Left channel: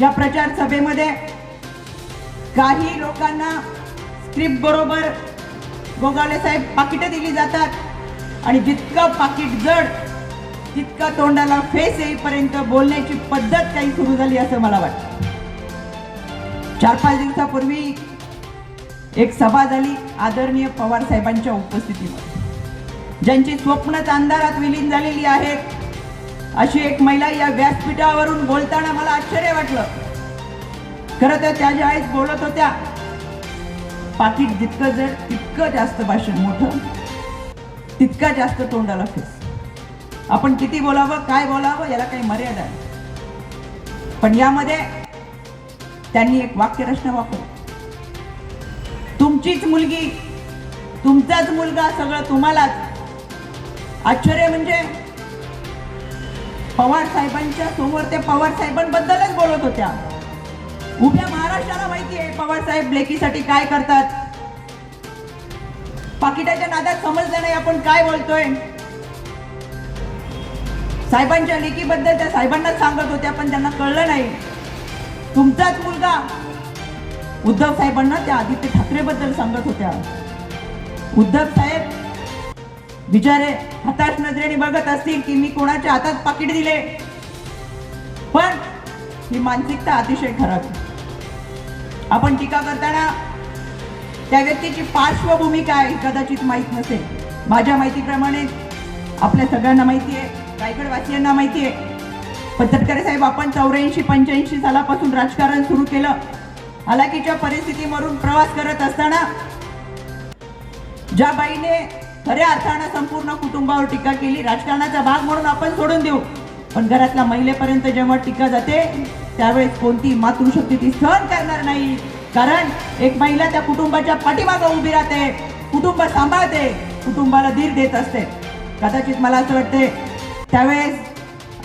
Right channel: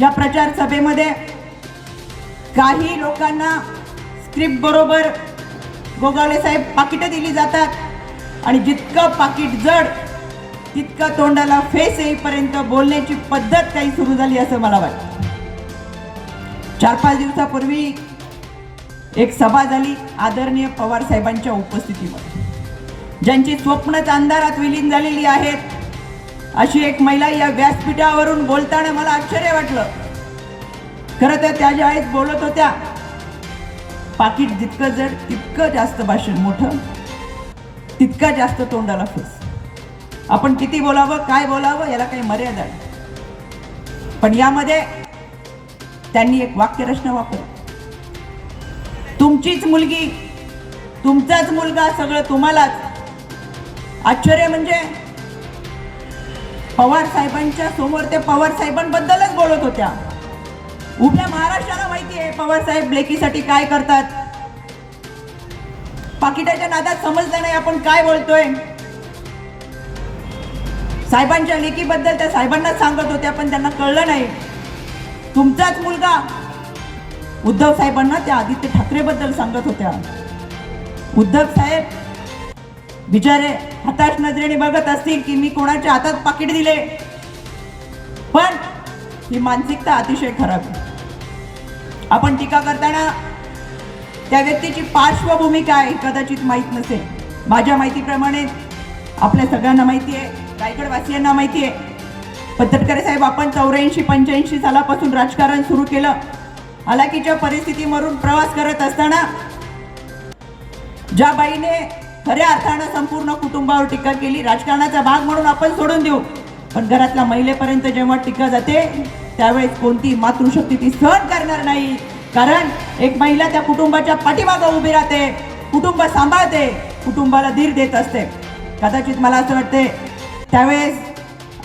या प्रचार सभेमध्ये काही लोकांना स्क्रिप्ट बरोबर गोगावले साहेब पाकिटं दिली जातात. आणि जितकं पाकिट जड तितकं तोंडाला फेस येईपर्यंत बोलण्याची पद्धत काही सुरू झाली असं मला वाटतं. चार पाच दिवसापूर्वी एक सभा झाली आदरणीय पवार साहेबांच्या उपस्थितीमध्ये ज्यांची स्वप्नच अंधारात विलीन झालेली आहेत अशी एक महिला या व्यासपीठावरून बोलताना मला आश्चर्य वाटलं. खरं तर त्या ज्यावेळेस बोलत होत्या पाकिट जितकं जड तितकं जास्त भाषण मोठं तितकं जास्त तोंडाला फेस. आपण किती बोलावं काय बोलावं याला काही मर्यादा आहे पण यामध्ये त्यांनी एक वाक्यरचना वापर तुमचीच मुलगी तुमचाच मुलगा सगळं तुम्हालाच. आश्चर्य म्हणजे पवार साहेबांच्या समोर ते पवार साहेबांबद्दलच बोलत होत्या. उभ्या महाराष्ट्राला माहिती आहे पवार साहेब लेकीसाठी काय करतात? पाकिटाच्या नादात समजलं नाही आपण काय बोलतोय? साहेबांच्या लेकीबद्दल त्या साहेबांना सांगत होत्या पण त्यांना कळलं नाही. तुमचाच मुलगा. उद्धव साहेबांना त्या आदित्य ठाकरेबद्दल सांगत होत्या. उद्धव साहेब बिचारे हताश नजरेने बघत असतील की मी कोणाच्या हातात पाकिट दिले. पण ही मानसिकता अतिशय खराब आहे. आपण टीका करताना त्या व्यक्तीची पार्श्वभूमी काय कदाचित माहीत नसेल. माझ्या माहितीप्रमाणे आपल्या सगळ्यांना माहिती आहे रायगडवासियांना माहिती आहे. पण साहेब आपण चौऱ्याऐंशी पंच्याऐंशी सालापासून राजकारण सुरू केलं. हलाकीच्या परिस्थितीवरून प्रवास करत असताना ज्या बाईने खऱ्या अर्थानं संपूर्ण कुटुंबावर टीका केली. राजकारणाचा भाग म्हणून आपण सोडून देऊ. पण घरातल्या महिलेपर्यंत जेव्हा टीका जाते त्यावेळेस कोणती मातृशक्ती ती सहन करणार नाही. कारण एक महिला त्या कुटुंबाच्या पाठीमागं उभी राहते. कुटुंब सांभाळते. कुटुंबाला धीर देत असते. कदाचित मला असं वाटते त्यावेळेस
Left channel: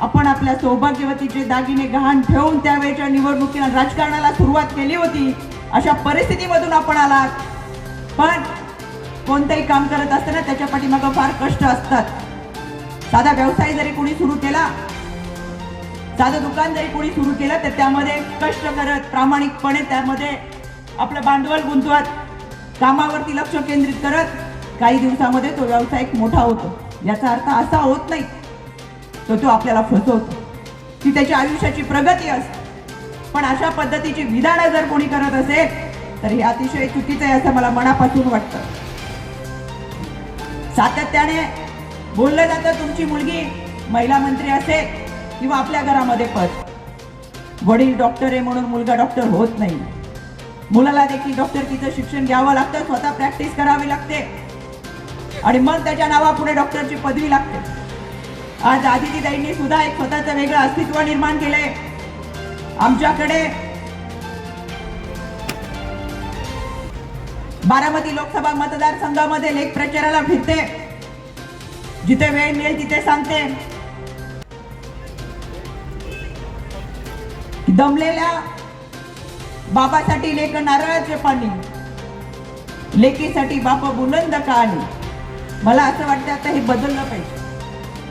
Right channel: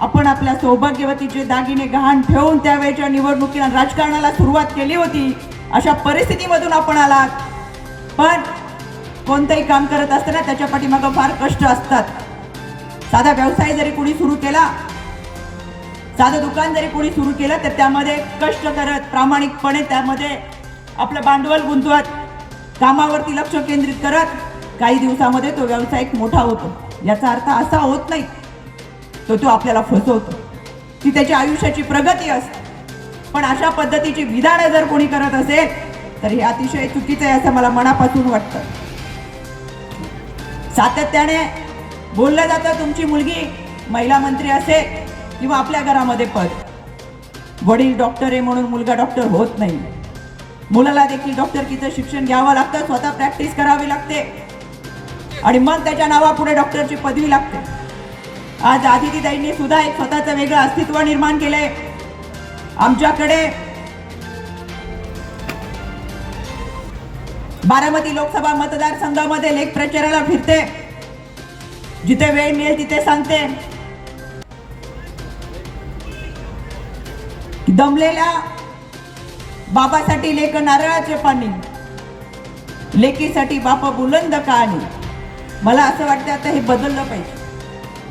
आपण आपल्या सौभाग्यवतीचे दागिने गहाण ठेवून त्यावेळेच्या निवडणुकीला राजकारणाला सुरुवात केली होती अशा परिस्थितीमधून आपण आलात. पण कोणतंही काम करत असताना त्याच्या पाठीमागं फार कष्ट असतात. साधा व्यवसाय जरी कोणी सुरू केला साधं दुकान जरी कोणी सुरू केलं तर त्यामध्ये कष्ट करत प्रामाणिकपणे त्यामध्ये आपलं भांडवल गुंतवत कामावरती लक्ष केंद्रित करत काही दिवसामध्ये तो व्यवसाय मोठा होतो. याचा अर्थ असा होत नाही तो तो आपल्याला फसवतो. की त्याच्या आयुष्याची प्रगती असते. पण अशा पद्धतीची विधानं जर कोणी करत असेल तर हे अतिशय चुकीचं आहे असं मला मनापासून वाटतं. सातत्याने बोललं जातं तुमची मुलगी महिला मंत्री असे किंवा आपल्या घरामध्ये पद. वडील डॉक्टर आहे म्हणून मुलगा डॉक्टर होत नाही. मुलाला देखील डॉक्टरकीचं शिक्षण घ्यावं लागतं स्वतः प्रॅक्टिस करावी लागते. आणि मग त्याच्या नावापुढे डॉक्टरची पदवी लागते. आज आदितीताईंनी सुद्धा एक स्वतःचं वेगळं अस्तित्व निर्माण केलंय. आमच्याकडे बारामती लोकसभा मतदारसंघामध्ये लेख प्रचाराला फिरते. जिथे वेळ मिळेल तिथे सांगते. दमलेल्या बाबासाठी लेख नारळाचे पाणी. लेकीसाठी बापा बुलंद कहाणी. मला असं वाटतं आता हे बदललं पाहिजे.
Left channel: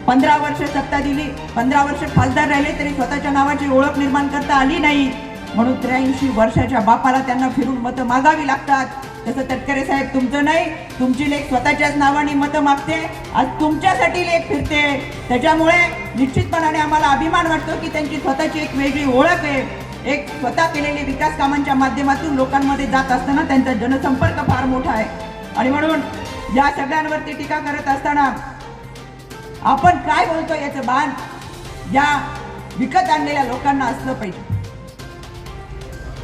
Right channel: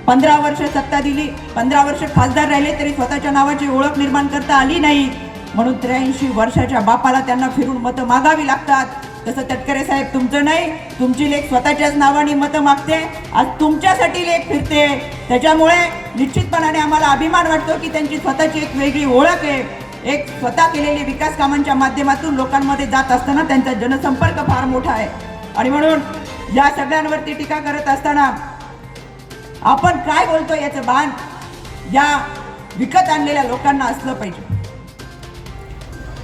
पंधरा वर्ष सत्ता दिली पंधरा वर्ष खासदार राहिले तरी स्वतःच्या नावाची ओळख निर्माण करता आली नाही. म्हणून त्र्याऐंशी वर्षाच्या बापाला त्यांना फिरून मतं मागावी लागतात. तसं तटकरे साहेब तुमचं नाही तुमची लेख स्वतःच्याच नावाने मतं मागते आज तुमच्यासाठी लेख फिरते. त्याच्यामुळे निश्चितपणाने आम्हाला अभिमान वाटतो की त्यांची स्वतःची एक वेगळी ओळख आहे. एक स्वतः केलेली विकास कामांच्या माध्यमातून लोकांमध्ये जात असताना त्यांचा जनसंपर्क फार मोठा आहे. आणि म्हणून या सगळ्यांवरती टीका करत असताना आपण काय बोलतो याचं भान या विकत आणलेल्या लोकांना असलं पाहिजे.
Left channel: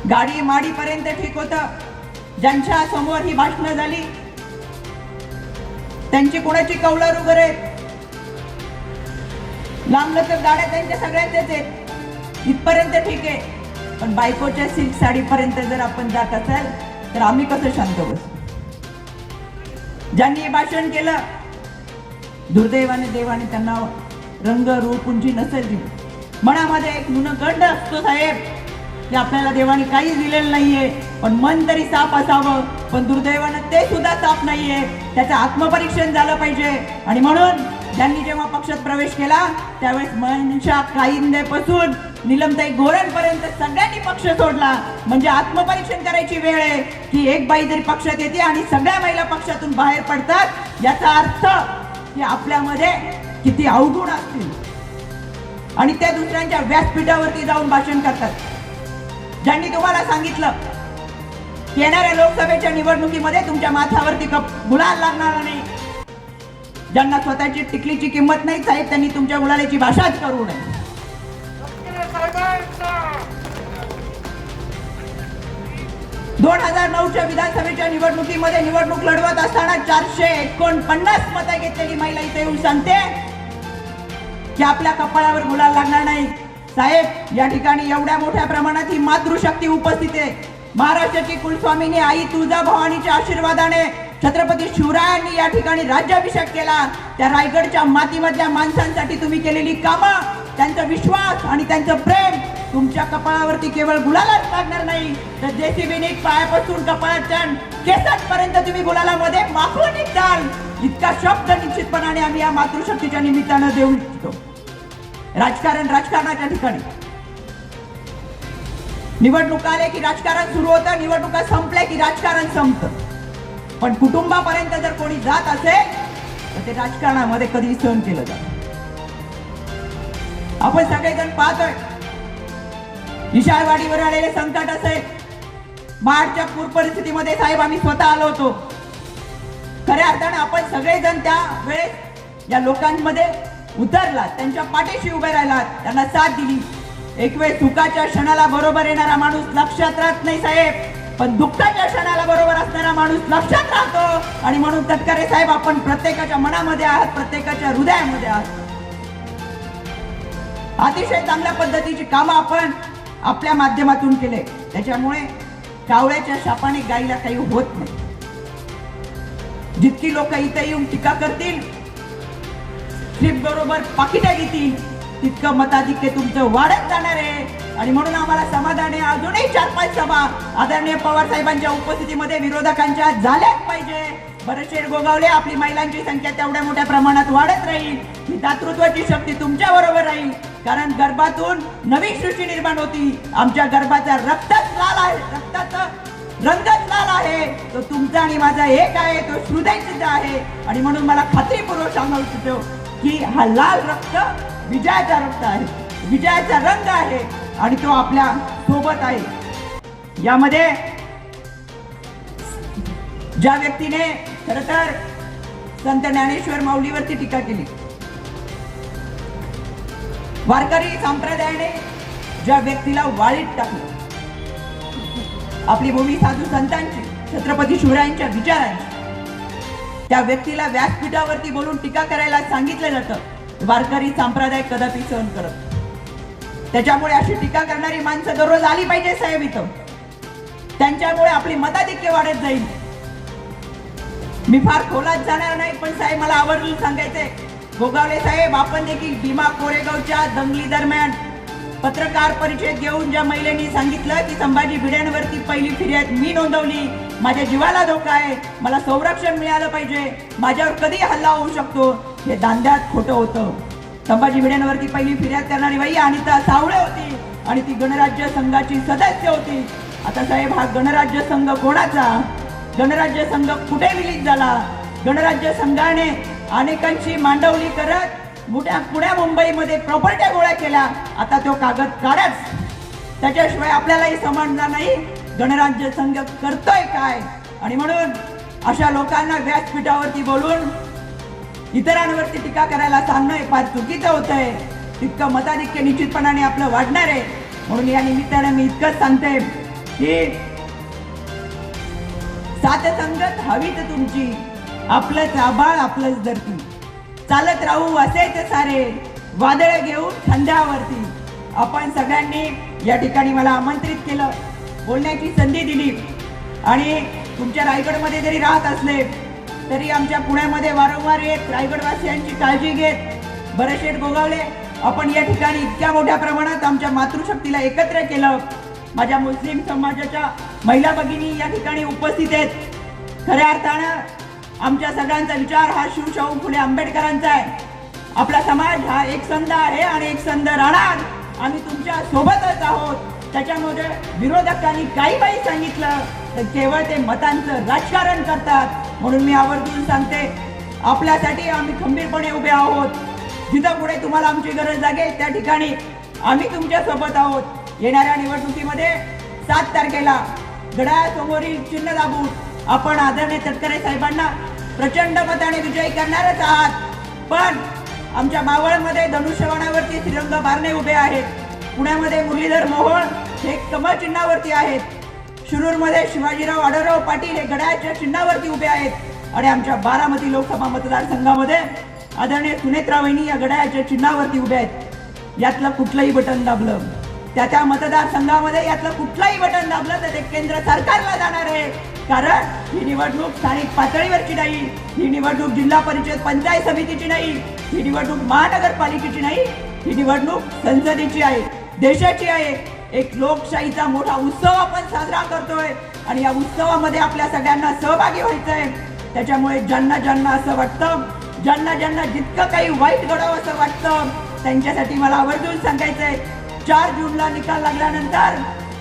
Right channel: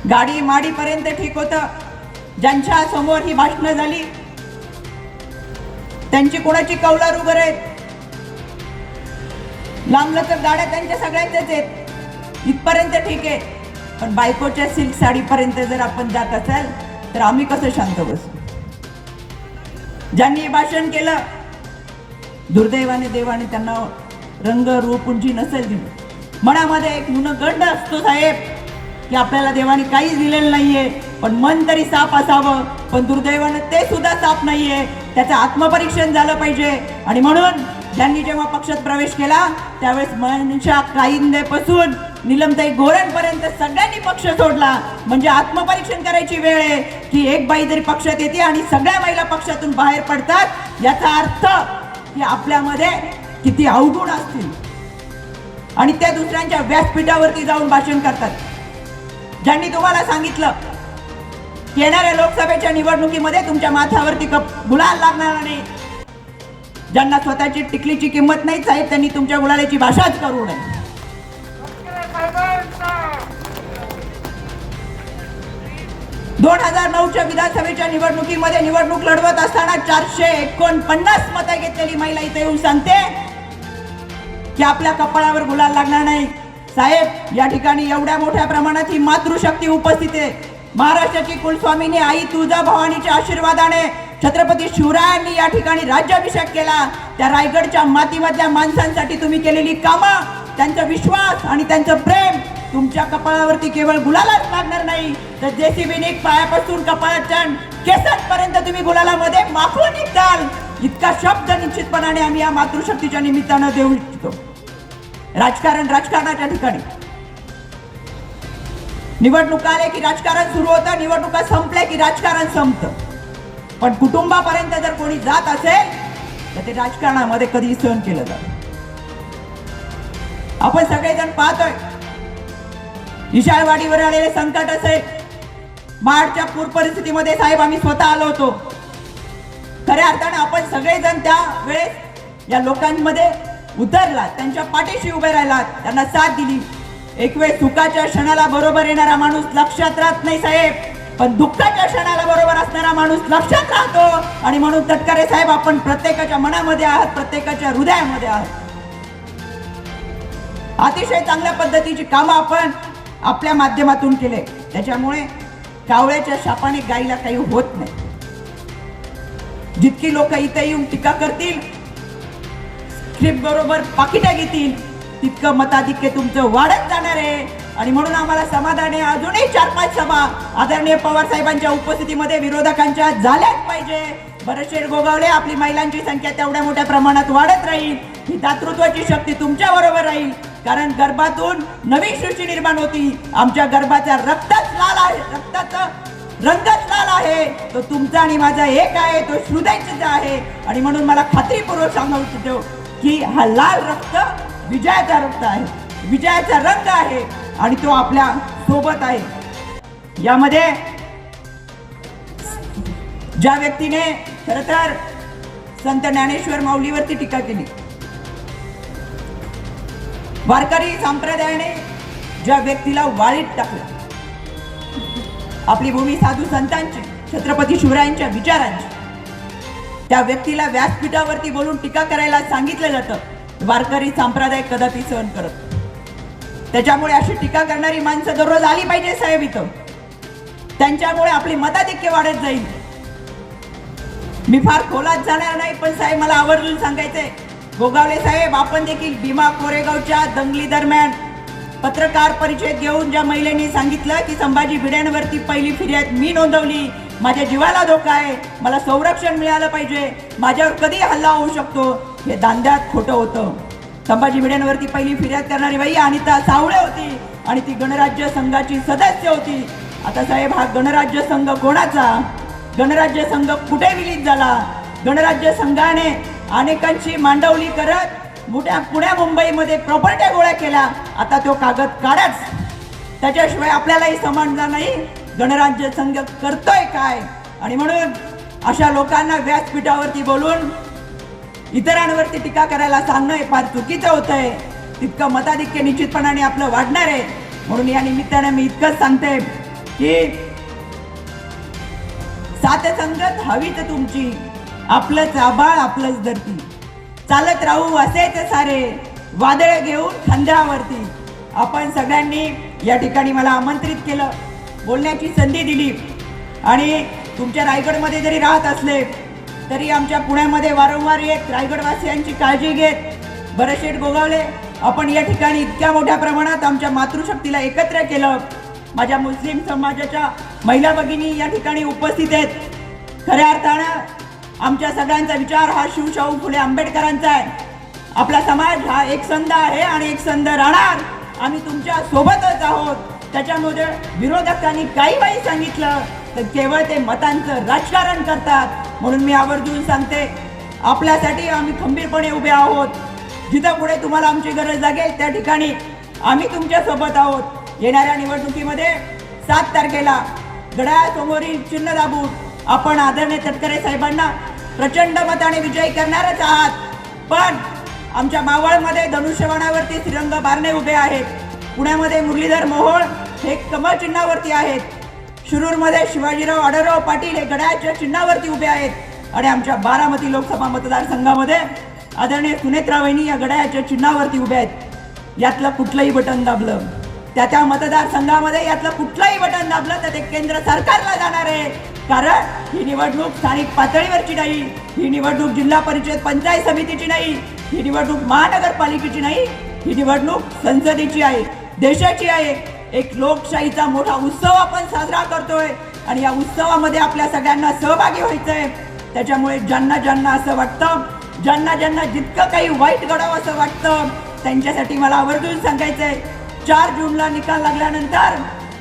गाडी माडीपर्यंत ठीक होतं. ज्यांच्या समोर ही भाषणं झाली त्यांची कोणाची वगैरे लांब तर गाड्या त्यांच्या सगळ्यांच्याच आहेत. इथपर्यंत ठीक आहे पण बायकोच्या सिल्क साडीपर्यंत जर आपण जात असाल तर आम्ही कसं शांत बसू? ज्यांनी भाषण केलं दुर्दैवाने देवाने त्यांना रंग रूप उंची नसेल दिली. मनामध्ये एक गंड असतो साहेब. की आपल्याला देवाने काहीच दिलेलं नाहीये. पण मन तरी साफ असावं. पण दुर्दैवानं ते सुद्धा साफ नाहीये. त्याचं आत्मपरीक्षण झालं पाहिजे. आणि म्हणून ज्यांनी जेव्हा पक्षात प्रवेश केला त्यावेळेस मनशा काईंदेपासून निलमताई गोरेंपर्यंत सगळ्यांनी पक्ष सोडला. म्हणजे आत्मपरीक्षण करायची वेळ आहे. की एक बाई जरी पक्षात येते आणि सगळ्या महिला पक्षातून बाहेर पडतात याचा अर्थ की आपल्यामध्ये किती अवगुण असतील. आणि त्या दुसऱ्यांच्या व्यासपीठावरती जाऊन भाषण करतात. ज्यांनी तुम्हाला सांगितलं येणाऱ्या लोकसभेच्या निवडणुकीमध्ये तुमच्या माथ्यावरती कप गुलाल लागणार नाही. ज्यांना स्वतःची टिकलीची किंमत नाही साहेब त्यांनी तुमच्या गुलालाची भाषाच करू नये. दोन हजार नऊच्या विधानसभेच्या निवडणुकीमध्ये निवडणूक लढवत असताना चारशे एकोणपन्नास मतं घेतलेली महिला इथे येऊन सांगते की आपल्या कपाळावर गुलाल लागणार साहेब या ठिकाणी एवढ्या मोठ्या प्रमाणात ही मातृशक्ती उपस्थित आहे. महाराष्ट्राची कुलस्वामीनी आई तुळजा भवानीच्या आशीर्वादाने छत्रपती शिवरायांनी या ठिकाणी राज्याभिषेक केला. त्या रायगडच्या मातीमधल्या माणसांसाठी तुम्ही केलेली कामं त्यांचा विश्वास आणि त्यांचं प्रेम तुमच्या कपाळावरती केवळ गुलालाच लागणार नाही. तर जेसीबीने पायापासून कपाळाच्या केसांपर्यंत तुम्ही गुलालामध्ये माखून निघताल इतका शब्द निश्चितपणाने आम्ही या मातृशक्तीच्या निमित्तानं देऊ इच्छितो. राजकारण राजकारणाच्या ठिकाणी. निवडणूक आल्या की राजकारण सुरू होतं निवडणुका संपले की राजकारण संपतं. पण कुटुंबापर्यंत जर कोणी जात असेल तर ते राजकारणामध्ये कधी सहन केलं जात आपण सगळेजण पाहतोय. विशाळवाडीवर आलेले संकट असेल. मार्चच्या पूर परिस्थितीमध्ये साहेब आम्ही स्वतः आलो होतो. खऱ्या अर्थाने आपण सगळेजण त्या वेळेस या लोकांमध्ये उतरला त्यांच्या पाठीशी उभे राहिलात त्यांना साथ दिली. एक वेळ सुखाच्या क्षणाला बरोबर येणारा माणूस लक्षात राहत नाही साहेब. पण दुःखाच्या क्षणाला बरोबर असणारा माणूस लक्षात राहतो. आणि म्हणून तटकरे साहेब आपण प्रत्येकाच्या मनामध्ये आहात प्रत्येकाच्या हृदयामध्ये आहात. अतिशय चांगल्या पद्धतीची कामं आपण आपल्या माध्यमातून केले. त्याच्यामुळे कावळ्याच्या शापाने गायीला काही होत नाही. जितकी लोक इथे येऊन टीका करतील स्लिप बरोबर पाकिटा घेतील. तितकं मताधिक्य तुमचं वाढत जाणार आहे. आणि म्हणून आम्हाला समाधान आहे. अजूनही चार पाच सभा आदरणीय पवार साहेबांच्या उपस्थितीमध्ये विरोधकांच्या झाल्याच पाहिजे. बरेचसे गोगावले आपली महिलांची संख्या तेवढ्या मोठ्या प्रमाणात वाढत राहील. ही दातृत्वाची शक्ती तुमच्या बरोबर राहील. कारण गर्भातून नवी सृष्टी निर्माण होती. आमच्या गर्भाचा रक्तच लाल आहे. रक्ताचा रंगच लाल आहे. तो तुमचा आणि माझा एक आहे. तो हृदयच आहे. आणि म्हणून मला खात्रीपूर्वक सांगू इच्छितो की हा लाल रक्त विजयाचा रक्त आहे. विजयाचा रंग आहे आणि तो आपल्यासोबत आहे. यामध्ये ज्या व्यक्तीने खर तर संत ज्ञानेश्वर माऊलीवरती टीका केली वारकरी संप्रदायाने ज्या व्यक्तीला वाळीत टाकलं आपली भूमी साधू संतांची छत्रपती शिवरायांच्या विचारांची त्या व्यक्तीला व्यासपीठावरती बोलून टीका करायला सांगितलं जातं वारकरी संप्रदाय कदापि सहन करत. त्याच्यामुळे अशी टीका करणारी माणसं दररोज आली पाहिजे साहेब इथं. त्यांच्यामुळे आपली मताधिक्य वाढत जाईल. मी फार खोलात जाणार नाही पण साहेब मला आवर्जून सांगायचंय. गोगावले साहेब आपण देखील भीमा कोरेगावच्या दंगली दरम्यान पत्रकार परिचय घेऊन ज्या महिलेने सांगितलं की संभाजी भिड्यांवरती पहिली फिर्याद मी नोंदवली माझ्या जीवाला धोका आहे. मला संरक्षण मिळालं पाहिजे. माझ्यावर कधी हल्ला होऊ शकतो. हे दांड्यात खोटं होतं. संभाजी भिडेंवरती पहिली फिर्याद करणारी बाई अनिता सावळे होती. आणि ती गणराज्य संघाची सदस्य होती. आता साहेब हा गणराज्य संघ कोणाचा? गणराज्य संघ कुठे विलीन झाला? गणराज्य संघाने अनेकांची मांडवली करत मोठ्या पुण्या मुंबईमध्ये प्रॉपर्ट्या गोळ्या केल्या. आता तो कागद काढाच. त्याच्याशिवाय आपल्यालाही समजणार नाही. गणराज्य संघ करतोय काय? आणि म्हणून अशा लोकांना व्यासपीठावरती बोलून इतरांवरती टीका करायला सांगणं हे फार चुकीचं होत आहे तितकं मताधिक्य निश्चितपणाने आपलं वाढणार आहे. म्हणून या निमित्ताने मी इतकंच सांगते की सात संगत हवीच तुमची. आपलंच आबाळ आपलंच धरती. चालत राहू असेच सारे. वादळ घेऊ खांद्यावरती आपण सगळ्यांनी या ठिकाणी मला आमंत्रित केलं. बोलण्याची संधी दिली. आणि तुमच्या रायगडमध्ये जरी राहत असले तरी आमच्या पुण्यामध्ये वारंवार येत रायगडवासियांची काळजी घेत बरेचसे गोगावले आपण या ठिकाणी इतक्या मोठ्या प्रमाणात आमच्या मातृशक्तीला एकत्र केलं. माझ्या मुस्लिम समाजाच्या महिला भगिनी या ठिकाणी उपस्थित आहेत. खऱ्या अर्थानं आमच्या सगळ्यांचा विचार हा शिवशाहू फुले आंबेडकरांचा आहे. आपला समाज हा एक संध आहे आणि एक संध राहणार. आम्ही तुमच्या सोबतच आहोत. त्याच्यामध्ये विरोधकांनी काही काही सांगितलं तर केवळ ते मतांचं राजकारण करतात. म्हणून मी आवर्जून सांगते आपल्यासाठी आम्ही खंबीरपणे उभे आहोत. जिथं पुढे तुम्हाला आमची गरज लागेल त्या ठिकाणी आम्ही तुमच्यासोबत आहोत. येणाऱ्या निवडणुकीमध्ये सात तारखेला गडासमोरील चिन्ह दाबून आपण आदरणीय तटकरे साहेबांना प्रचंड मताने विजयी करणारच आहात. पण आमच्या मावळमध्ये धनुष्यवनावरती श्रीरंग बारणे उभे आहेत. पुण्यामध्ये मुरलीधर मोहोळ हे कमळ चिन्हावरती आहेत. शिरूरमध्ये शिवाजीराव आढळराव पाटील हे गडाच्या चिन्हावरती उभे आहेत. आणि आमच्या बारामती लोकसभा मतदारसंघामध्ये आदरणीय सुनेत्रा वहिनी या गडाच्या चिन्हावरती उभे आहेत. यातलं कुठलंही बटन दाबलं. त्या त्या मतदारसंघामध्ये यातलं कुठलंही बटन दाबलं तर ते केंद्र सरकारला जाणार आहे. कारण ही निवडणूक स्थानिक पातळीवरची नाही ही निवडणूक जिल्हा परिषद पंचायत समितीची नाही ही निवडणूक महानगरपालिकेची नाही ही निवडणूक संसदेची आहे देशाची आहे. एक लोकशाहीचा मोठा उत्सव आपण साजरा करतोय आणि या उत्सवामध्ये आपल्या सगळ्यांना सहभागी व्हायचंय. त्याच्यामुळे ज्यांना ज्यांना असं वाटतं ज्यांना ज्यांना जितकं काही वाईट घडावं असं वाटतं त्यांच्यासाठी मला आवर्जून सांगायचंय चार जूनला निकाल लागल्यानंतर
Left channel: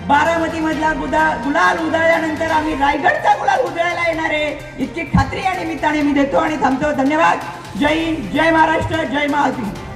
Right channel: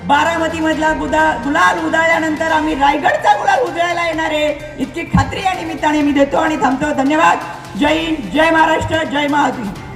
बारामती मधला गुलाल उधळल्यानंतर आम्ही रायगडचा गुलाल उधळायला येणार आहे. इतकी खात्री या निमित्ताने मी देतो आणि थांबतो. धन्यवाद. जय हिंद जय महाराष्ट्र जय महाराष्ट्र